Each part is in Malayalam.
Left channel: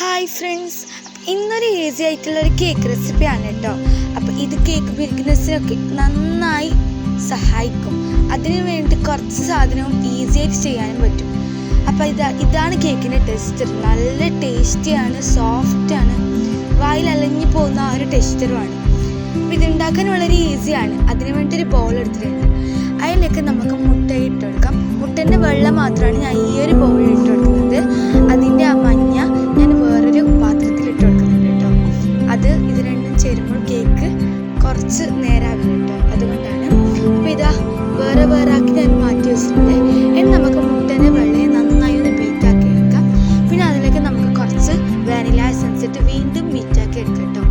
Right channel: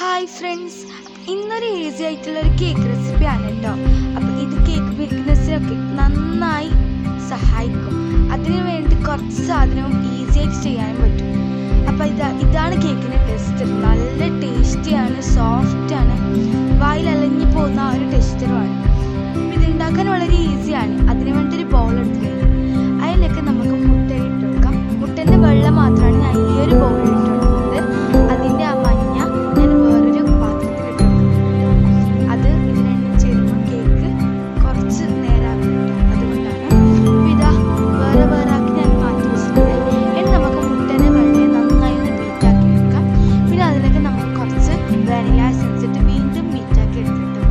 ഹായ് ഫ്രണ്ട്സ്, ഇന്നൊരു ഈസി ആയിട്ടുള്ളൊരു കേക്ക് റെസിപ്പിയാണ് കേട്ടോ. അപ്പോൾ ഇത് കേക്ക് ബിസിനസ്സിനൊക്കെ നന്നായി സഹായിക്കും. അതിനു വേണ്ടി കുറച്ച് സാധനവും ഈസി ആയിട്ട് ചെയ്യാനും പറ്റും. അപ്പോൾ ഇതാണ് കേക്കിൻ്റെ ടെക്സ്ചർ. നല്ല ടേസ്റ്റിയാണ്, സോഫ്റ്റാണ്, വായിൽ അലഞ്ഞു പോകുന്ന ആ ഒരു ടെക്സ്ചറുമാണ്. അപ്പോൾ ഇതുണ്ടാക്കാൻ വളരെ ഈസിയാണ്. അതിനു വേണ്ടി ഒരു ബൗൾ എടുത്തിട്ടുണ്ട്. അതിലേക്ക് നമുക്ക് മുട്ട ഇട്ട് കൊടുക്കാം. മുട്ടൻ്റെ വെള്ളം മാത്രമാണ് ഞാൻ ഈ ഒരു ബൗളിൽ ഇട്ട് കൊടുക്കുന്നത്. അതിൻ്റെ ആ മഞ്ഞ ഞാൻ വേറൊരു പാത്രത്തിൽ ഇട്ട് കൊടുക്കുന്നുണ്ട് കേട്ടോ. ഇത് രണ്ടും ചേരുമ്പോൾ കേക്ക് കുറച്ച് നേരാകും കേട്ടോ. അതുകൊണ്ടാണ്. അപ്പോൾ ഇതാ വേറെ ആക്കി ഞാൻ മാറ്റി വെച്ചിട്ടുണ്ട്. ഇനി നമുക്ക് മുട്ടൻ്റെ വെള്ളയെ നന്നായി ഒന്ന് ബീറ്റാക്കി എടുക്കാം. പിന്നെ അതിലേക്ക് നമുക്ക് കുറച്ച് വാനില എസൻസ് ഇട്ട് വീണ്ടും ബീറ്റാക്കി എടുക്കാം കേട്ടോ.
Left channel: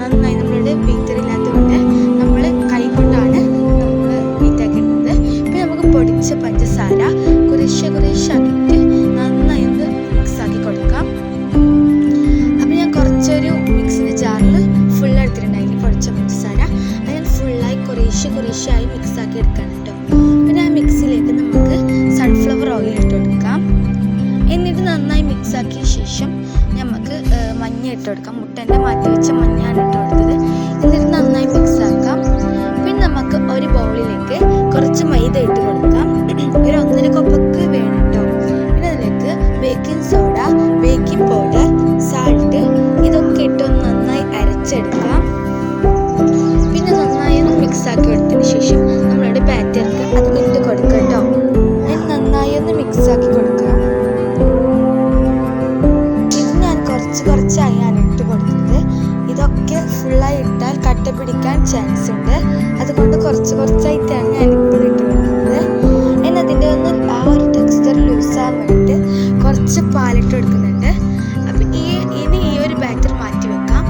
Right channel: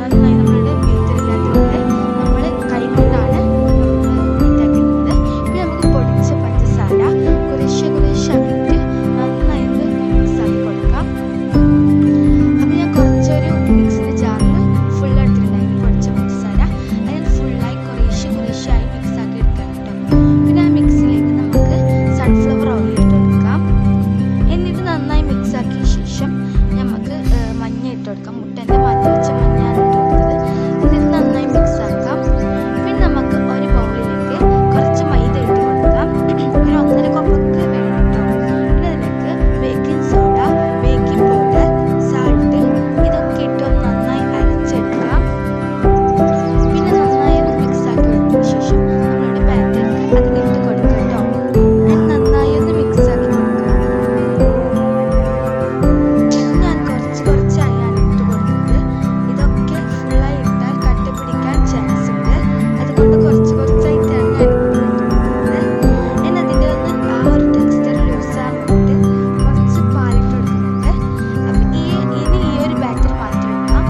നന്നായി നമ്മളുടെ ബീറ്റർ ഇല്ലാത്തതുകൊണ്ട് നമ്മൾ കൈ കൊണ്ടാണ് നമ്മൾ ബീറ്റാക്കി എടുക്കുന്നത്. പിന്നെ നമുക്ക് പൊടിച്ച പഞ്ചസാര കുറേശ്ശാക്കിയിട്ട് നന്നായി ഒന്ന് മിക്സാക്കി കൊടുക്കാം. അപ്പം ഞാൻ കുറച്ചൊരു മിക്സിൻ്റെ ജാറിൽ ഫുൾ എടുത്തിട്ടുണ്ടായിരുന്നു പൊടിച്ച പഞ്ചസാര. അത് ഞാൻ ഫുള്ളായി കുറേശ്ശായി മിക്സാക്കി എടുക്കാം കേട്ടോ. പിന്നെ ആ മിക്സിയിലേക്ക് നമുക്ക് സൺഫ്ലവർ ഓയിൽ ഇട്ട് കൊടുക്കാം. എന്നിട്ട് നന്നായി മിക്സാക്കിയ ശേഷം നമുക്ക് മഞ്ഞ ഇട്ട് കൊടുക്കാം. മുട്ടൻ്റെ മാറ്റി വെച്ച മഞ്ഞാണ് ഇട്ട് കൊടുത്തത്. എന്നിട്ട് നന്നായി മിക്സാക്കാം. പിന്നെ നമുക്ക് ഒരു ബൗളിലേക്ക് കുറച്ച് മൈദ ഇട്ട് കൊടുക്കാം. ഒരു 1.5 കപ്പൊക്കെ വേണം കേട്ടോ. പിന്നെ അതിലേക്ക് baking soda, baking powder, salt ഇതൊക്കെ ഇട്ട് നന്നായി അരച്ചെടുക്കാം. പിന്നെ നന്നായി ഒന്ന് മിക്സാക്കി എടുത്തതിന് ശേഷം നമ്മളുടെ ബാറ്റർക്ക് അത് ഇട്ട് കൊടുക്കുക കേട്ടോ. നന്നായി ഒന്ന് മിക്സാക്കി കൊടുക്കുക. ഇത് ഞാൻ കുറച്ചായാണ് ഇട്ട് കൊടുക്കുന്നത്. ഇതൊക്കെ ഫുള്ളായി ഇട്ടാൽ കട്ട പിടിക്കാൻ ചാൻസ് ഉണ്ട്. അതുകൊണ്ട് കുറച്ചായിട്ടാണ് ഞാൻ ഇപ്പോൾ ഇട്ട് കൊടുക്കുന്നത്. പിന്നെ അതിൻ്റെ ഒന്ന് ആ ഒരു ടെക്സ്ചർ ലൂസാകാൻ വേണ്ടിയിട്ട് കുറച്ച് പാലിട്ട് കൊടുക്കുന്നുണ്ട്. അപ്പം ഇനി ഈ ഒരു ബാറ്റർ മാറ്റി വെക്കാം.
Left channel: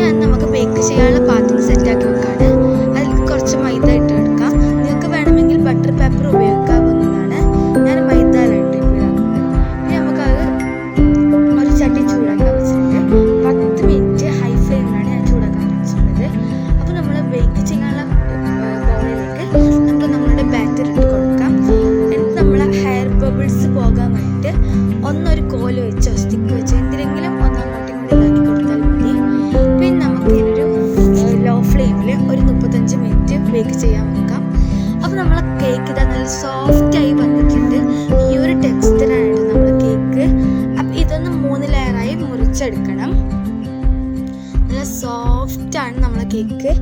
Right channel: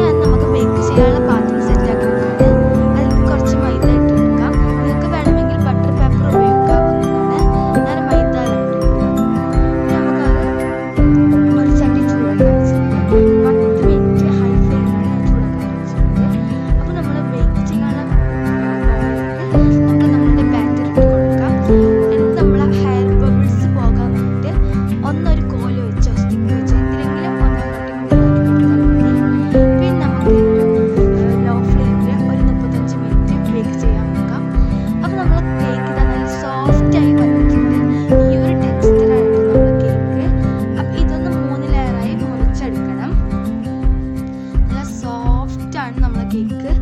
ഞാൻ നമുക്ക് ബേക്ക് ചെയ്യാനുള്ള പാത്രം സെറ്റാക്കി വെക്കാണ്. അതിൽ കുറച്ച് മൈദ ഇട്ട് കൊടുക്കാം. നിങ്ങൾക്ക് വേണമെങ്കിൽ ബട്ടർ പേപ്പർ ഉപയോഗിക്കാവുന്നതാണ്. ഞാൻ മൈദയിലാണ് ഇട്ടിട്ടുള്ളത്. ഇനി നമുക്കത് ഒരു ചട്ടി ചൂടാക്കാൻ വെച്ചിട്ടുണ്ട്. 10 മിനിറ്റ് ഹൈ ഫ്ലെയിമിലാണ് ഞാൻ ചൂടാക്കാൻ വെച്ചിട്ടുള്ളത്. അപ്പോൾ നമ്മൾ ബേക്ക് ചെയ്യാനുള്ള ബൗളിലേക്ക് നമുക്ക് നമ്മളുടെ ബാറ്റർ ഇട്ട് കൊടുക്കാം. എന്നിട്ട് നമ്മൾ ഹെയർ ബബിൾസ് പോകാൻ വേണ്ടിയിട്ട് ഒന്നൊരു കോല് വെച്ചോ സ്റ്റിക്ക് വെച്ചോ എന്തിനെങ്കിലും ഒന്നാക്കി കൊടുത്താൽ മതി. പിന്നെ നമുക്ക് ഒരു ലോ ഫ്ലെയിമിൽ ഒരു 35 മിനിറ്റ് ബേക്ക് ചെയ്യാൻ വെക്കാം. അപ്പോൾ നമ്മൾ കേക്ക് ഇതാ നല്ല സോഫ്റ്റായി വന്നിട്ടുണ്ട്. ഈ ഒരു ടെക്സ്ചറാണ് നമ്മുടെ കേക്ക്. അപ്പം ഇതൊന്ന് 3 ലെയറായി മുറിച്ചെടുക്കണം. നല്ല സോഫ്റ്റാണ് നമ്മളെ കേക്ക്.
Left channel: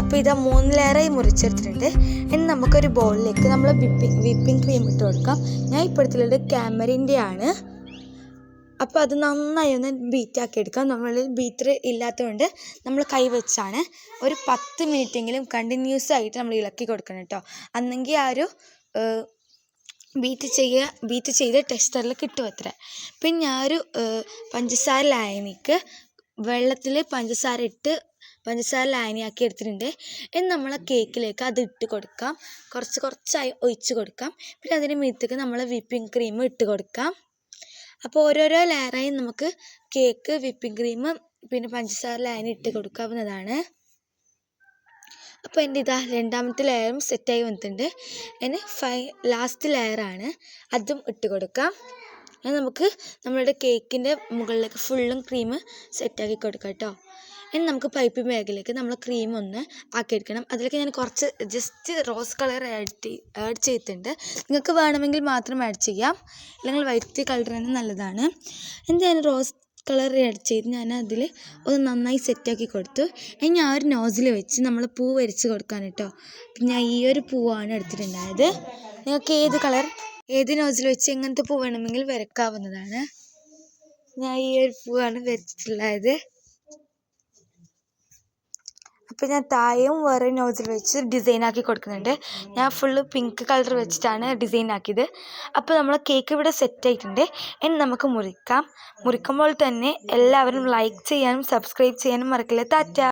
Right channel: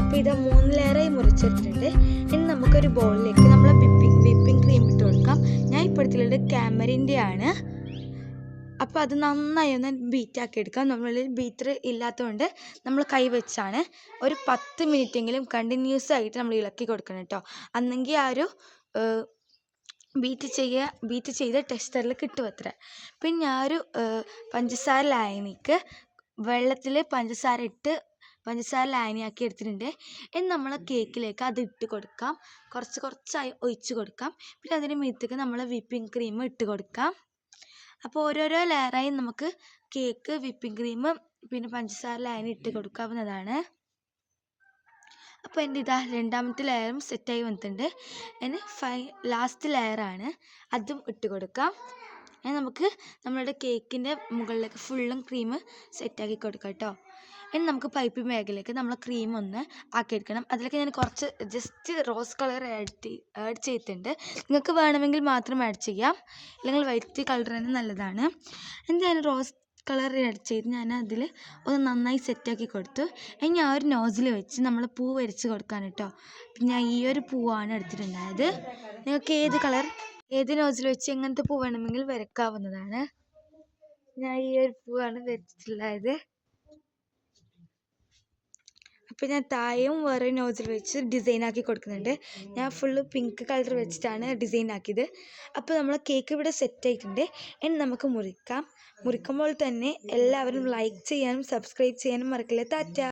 അപ്പോൾ ഇതാ 3 ലെയറായി മുറിച്ചെടുത്തിട്ടുണ്ട്. ഇനി നമുക്കൊരു ബൗളിലേക്ക് നമ്മൾ വിപ്പിംഗ് ക്രീം ഇട്ട് കൊടുക്കാം. ഞാൻ ഇപ്പോൾ എടുത്തിട്ടുള്ളത് ക്യാമറിൻ്റെ ആണ്. അപ്പോൾ അത് നന്നായി ഒന്ന് ബീറ്റാക്കി എടുക്കാം. നമ്മളിൽ ബീറ്റർ ഇല്ലാത്തതുകൊണ്ട് നമ്മൾ കൈ വെച്ചാണ് ഒരു 10 മിനിറ്റെങ്കിലും കണ്ടിന്യൂസ് ആയിട്ട് നമ്മൾ ഇളക്കി കൊടുക്കണം കേട്ടോ. അന്നെങ്കിൽ ആ ഒരു ബീറ്റ് ചെയ്ത ടെക്സ്ചറിൽ കിട്ടും അത്ര. പിന്നെ ഞാൻ ഒരു പഞ്ചസാര ലായനിക്ക് വെള്ളത്തിൽ പഞ്ചസാര ലായനിയാക്കി എടുത്തിട്ടുണ്ട്. ഇനി നമ്മളെ കേക്കിലേക്ക് അത് ഇട്ട് കൊടുക്കാം. കുറച്ചായി ഒഴിച്ച് കൊടുക്കാം. പിന്നെ അതിന് മീത്തേക്ക് നമ്മൾ വിപ്പിംഗ് ക്രീം ഇട്ട് കൊടുക്കാം. അപ്പോൾ ഓരോരോ ലെയറായി നമുക്ക് കേക്ക്, വിപ്പിംഗ് ക്രീം, പിന്നെ പഞ്ചസാര ലായനി ഇട്ട് കൊടുക്കാവുന്നതാണ്. അപ്പോൾ എൻ്റെ ഇതാ 2ാമത്തെ ലെയറും സെറ്റായി വന്നിട്ടുണ്ട്. ഇനി ലാസ്റ്റ് ലെയറാണ്, അതും ഇട്ട് കൊടുക്കാം. ഇനി നമുക്ക് നമ്മളുടെ കേക്കിൻ്റെ മുകളിലേക്ക് ഫുള്ളും ക്രീം സെറ്റാക്കി കൊടുക്കാം കേട്ടോ. ഇനി നമുക്ക് പൈപ്പ് ബാഗിലേക്ക് നമ്മൾ ക്രീം ഒന്ന് ആക്കിയെടുക്കണം. അതിലേക്ക് ഞാൻ കുറച്ച് ജസ്റ്റ് റോസ് കളർ ആഡ് ചെയ്തിട്ടുണ്ട്. നിങ്ങൾക്ക് വേണമെങ്കിൽ മാത്രം ആഡ് ചെയ്യാം, അല്ലെങ്കിൽ വൈറ്റ് കളർ തന്നെ നല്ലതാണ്. എന്നിട്ട് ഞാൻ റോസ് കളർ ആഡ് ചെയ്ത് ഞാൻ അതിൽ ഒന്ന് നന്നായി സെറ്റാക്കി കൊടുത്തു. ഇനി ഞാൻ ഒരു നോസിൽ വെച്ച് നമ്മൾ പൂ വരച്ച് കൊടുക്കാൻ കേട്ടോ. ഞാൻ ഈ ഒരു പൂവാണ് എടുത്തിട്ടുണ്ടായത്. നിങ്ങൾക്ക് ഏത് നോസിൽ വെച്ച് എങ്ങനത്തെ പൂ വേണമെങ്കിൽ വരക്കാവുന്നതാണ്. ഞാൻ ഈ ഒരു പൂവാണ് വരച്ചിട്ടുള്ളത്. അപ്പോൾ ഞാൻ താഴെയും വേറെ നോസിൽ വെച്ച് ഡിസൈനാക്കി കൊടുക്കുന്നുണ്ട്. ഞാൻ ഫുള്ള് പിങ്ക് കളർ വെച്ചിട്ടാണ് ഡിസൈൻ ആക്കിയത്. അപ്പോൾ നമ്മൾ കേക്ക് ഇവിടെ സെറ്റ് ആയിട്ടുണ്ട്. ഇനി നമുക്ക് മുറിക്കുമ്പോൾ തന്നെ എല്ലാവരും ലൈക്ക് ചെയ്യാനും സബ്സ്ക്രൈബ് ചെയ്യാനും മറക്കില്ല. ടാറ്റ.